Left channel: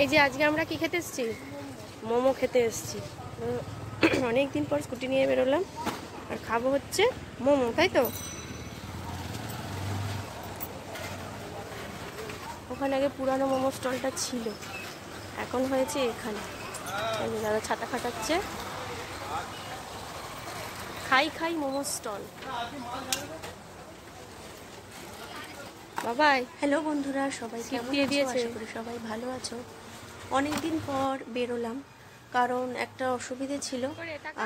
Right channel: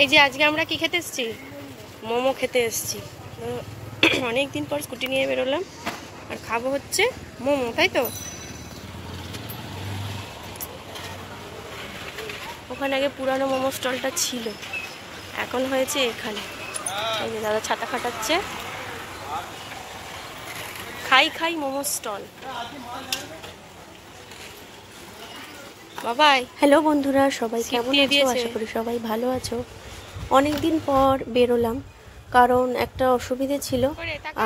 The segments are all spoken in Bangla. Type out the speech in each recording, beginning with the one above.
এই যে আজকে আমরা কি খেতে এসেছি, মোমো খেতে এসেছি। অনেক দিন পর স্কুটি নিয়ে বেরোলাম আর খাবো হচ্ছে মোমো, তাই তো। ওখানে আগে পুরানো মোমো স্টলটা ছিল, এখন হয়েছে এখানে। এই যে দাদা ছাতা খাটাচ্ছে, খাই খাই মোমো স্টল। বাবাই, হ্যালো বন্ধুরা, সবাই কেমন আছো? আশা করি সবাই ভালো আছো। অনেকদিন পর বেরোলাম, কারণ একটা অসুবিধে ছিল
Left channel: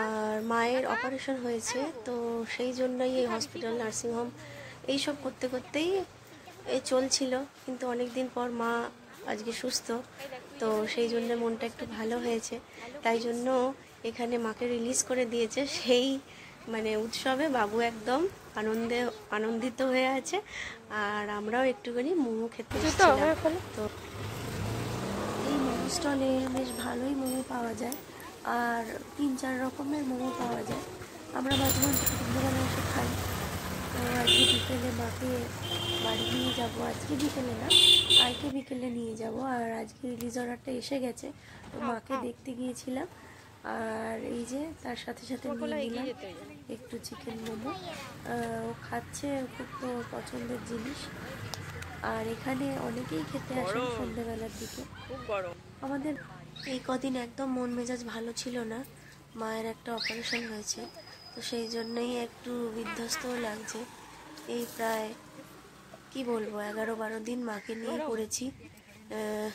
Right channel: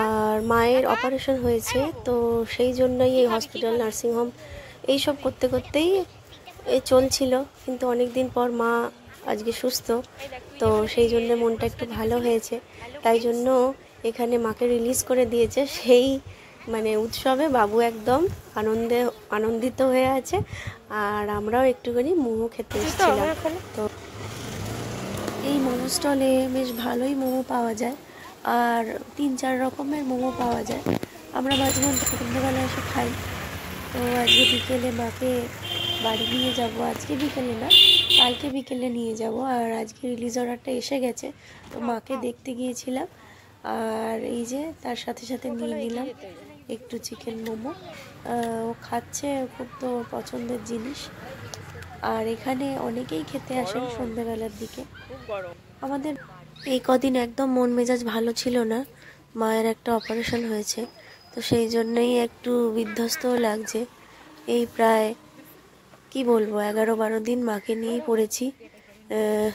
আর মায়ের অপারেশন হয়েছে, তো সেই জন্যই এই হসপিটাল, নার্সিংহোম এইসব করতে করতেই চলছিল। কিন্তু অনেক দিন পর মা আজকে সুস্থ, তো সেই জন্য মনটা একটু ভালো হয়েছে। তাই জন্য এখানে মাকে রিলিজ করে দিয়েছে। সেই উৎসবে বাবু একদম আনন্দিত হয়ে আছে, আর আমরাও একটুখানি মোমো খেতে এসেছিলাম। তো এই মোমো স্টলে বেশ ভালোই মোমো পাওয়া যায়, আর 3-4 রকমের মোমো পাওয়া যায়। আমরা মাঝে মধ্যে সন্ধ্যেবেলা এসে খাই। তো আজকে বিকেলে মাকে বাড়ি নিয়ে যাব, আজকে বিকেলে না, কালকে বিকেলে নিয়ে যাব। আর আজকে রিলিজ অর্ডারটা এসে গেছে, তো মাকে দেখতে গিয়েছিলাম। আর এই যে তার সাথে সাথে নিয়ে নিলাম একটু চিকেন মোমো। ও খাচ্ছে, খুব তো পছন্দের জিনিস। আর এখানে অনেকেই খেতে আসেন সন্ধ্যাবেলার দিকে। আমাদের এই কদিন একদম মন মেজাজ ভালো ছিল না, মায়ের একটা অপারেশন হয়েছে, তো সেই জন্যই একটু বিধ্বস্ত লাগছে। এই প্রায় কি বলবো 11-12 দিন মাকে নিয়েই পড়েছি।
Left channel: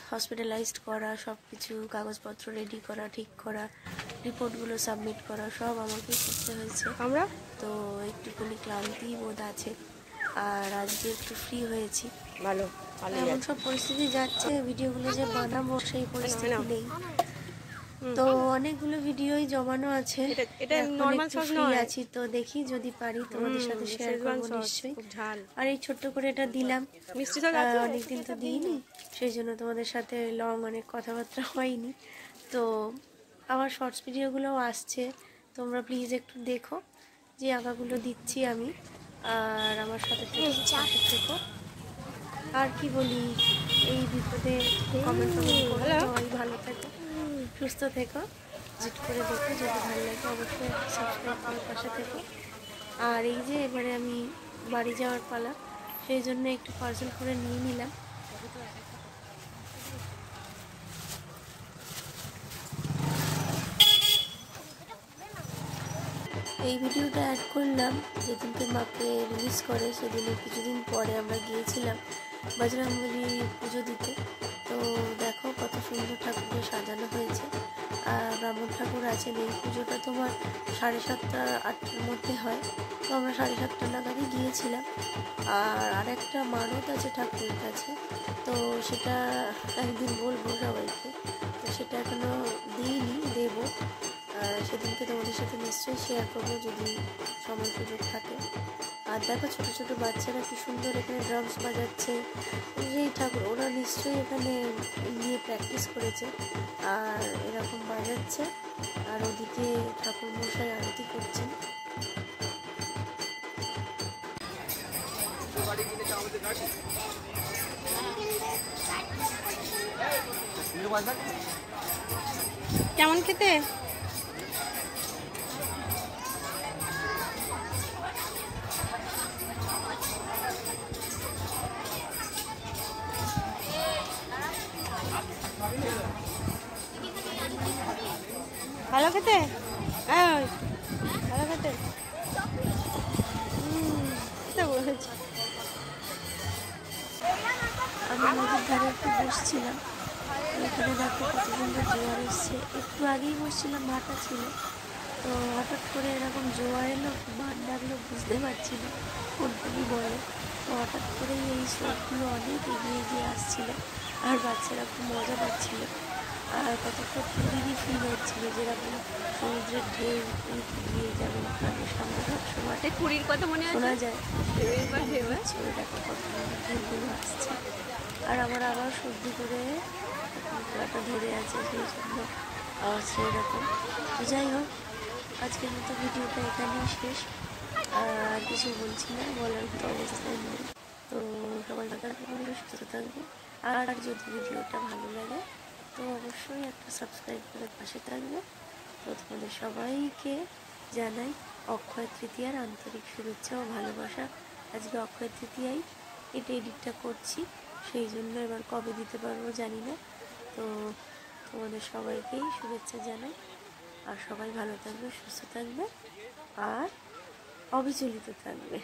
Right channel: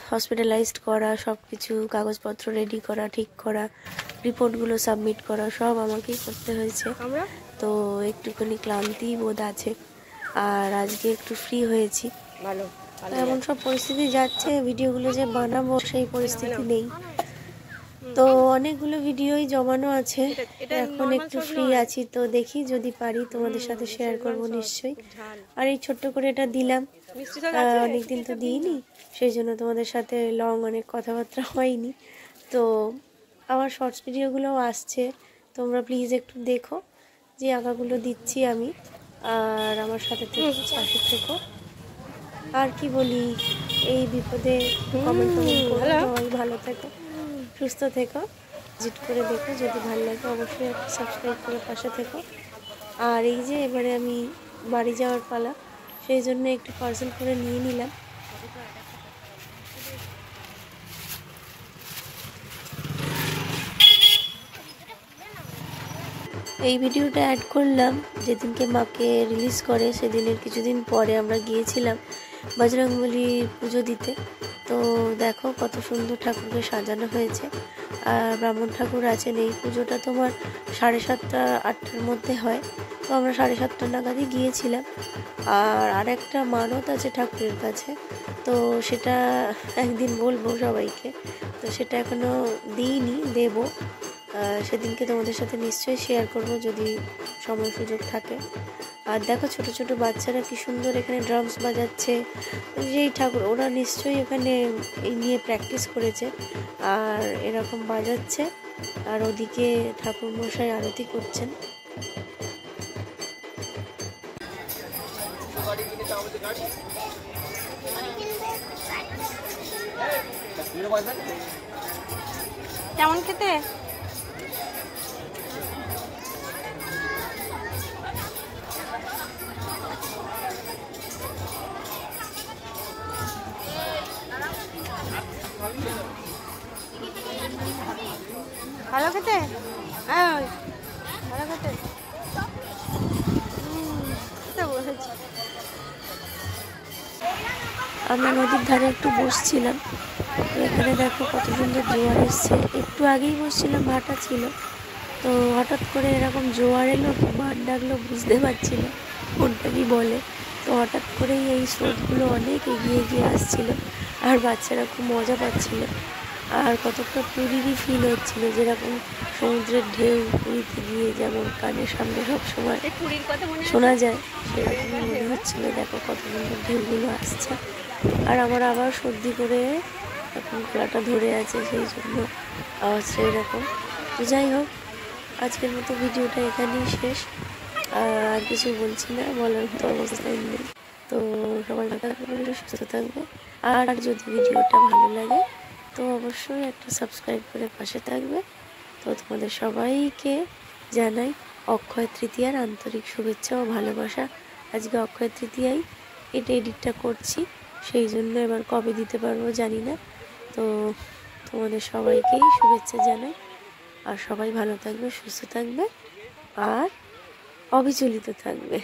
হসপিটালাইজড করা, সব কিছু কাগজপত্র রেডি করা, ঠিক করা, রিপোর্টগুলো সাবমিট করা, সব আমাকেই করতে হয়েছে। তো একটুখানি ক্লান্তি বোধ আছে, আর আজকে একটু ফ্রি হয়েছি। ভালো এমন সব পরিস্থিতি যাচ্ছে, ভিডিওগুলো যে বানাবো সেই পরিস্থিতি নেই। তো অনেকগুলো ভিডিওই জমানো আছে, এখন একটু ফ্রি আছি, তো দেখি যদি পারি তোমাদের সাথে শেয়ার করবো নিশ্চয়ই। আর এই ছোট্ট করে এটা দিলাম, অনেকদিন তো দিইনি, সেই জন্য তোমাদের সাথে অনেক কথাবার্তা হয়নি। তো আমার শর্টস ভিডিওগুলোও আসছে, তোমরা প্লিজ একটু দেখো যে আঁকাগুলো দিচ্ছি আমি, আর আমার সাথে থেকো। আর কি বলি, এই বিপদে কমেন্ট করো, সবাই ভালো থেকো, সুস্থ থেকো, ভিজিট করে দেখো, যদি ভালো লাগে অবশ্যই সাবস্ক্রাইব করে পাশে থেকো। আর এই যে এবারে আমি বাড়ি যাওয়ার পালা, সেই জন্য একটু পার্সেল করে নিয়ে নিলাম। এই ভিডিওটা অ্যাড করলাম যেদিনকে মাকে রিলিজ করে, সেদিনের কিছুদিন পরে আমরা গিয়েছিলাম বজরংবলীর পুজো দিতে। তো দেখো কত সুন্দর ঠাকুরকে সাজানো হয়েছে, আর ব্রাহ্মণ ঠাকুর আছেন। এই পুজোটা তোমার 7:30-8টার মধ্যে হয়, তো আমরা 7:30 নাগাদই গিয়েছিলাম। আর আরেকটা মানত আছে ঠাকুরের কাছে, তো সেটা একদিন বলবো সবাইকে, তো সেটা এখনো দিইনি, দেবো। সেদিনকে তোমাদের সাথে নিশ্চয়ই শেয়ার করবো যদি সময় সুযোগ থাকে। আর দেখো ছোট ছোট বাচ্চারা কি সুন্দর এখানে ড্রামস বাজাচ্ছে, যেই ঠাকুর, ওরা নিশ্চয়ই ওখানে এই নিয়ে প্র্যাকটিস করেছে আর এরকম বাজাচ্ছে, আর ওদিকে ঠাকুর মশাই আরতি করছেন। কেমন খেতে? ভালো খেতে? হ্যাঁ ভালো খেতে। আমরা নদীর ধারে একটু বসছিলাম, এখানে দেখো কত সুন্দর জোয়ার এসছে। একটু আগেই বসছিলাম, ভাটা ছিল, তো হঠাৎ করে এরকম জোয়ার এলো, বান ডাকলো, বুঝতে পারছি না কোনটা কি বলে। তো হঠাৎ করেই এই স্রোতগুলো অনেক এগিয়ে এগিয়ে আসছিল, আর বাচ্চারা খুব মজা পাচ্ছিল। আর কতটা পুরীরই ফিল হচ্ছিল, যেরকম সমুদ্রের ঢেউ পুরীতে গিয়ে যেমন কানের সামনে সবসময় শোনা যায়, সেরকম মনে হচ্ছিল। দেখো কত সুন্দর ঢেউগুলো আসছে, আর আমার আবার সর্দি করে এখন গলাটা ধরে আছে, সেই জন্য আওয়াজটা এরকম। তো যাই হোক, আজকের মতো ভিডিওটা এখানেই শেষ, আর কিছু বলছি না, বলার তো অবস্থায় নেই। তো সবাই ভালো থাকবে, সুস্থ থাকবে, আর যদি ভিডিওটা ভালো লাগে তো তো অবশ্যই একটা সাবস্ক্রাইব করে পাশে থাকবে। তো তোমাদের সবাইকে জানাই অক্ষয় তৃতীয়ার আন্তরিক শুভেচ্ছা ও ভালোবাসা। আজকে অক্ষয় তৃতীয়ায় এটা এডিটটা করছি, সেই জন্য এবার কবে দিতে পারবো জানি না। তো তোমাদের সবাইকেই শুভেচ্ছা জানাই, আর সবাই ভালো থাকবে, সুস্থ থাকবে আর অবিচলিত থাকবে।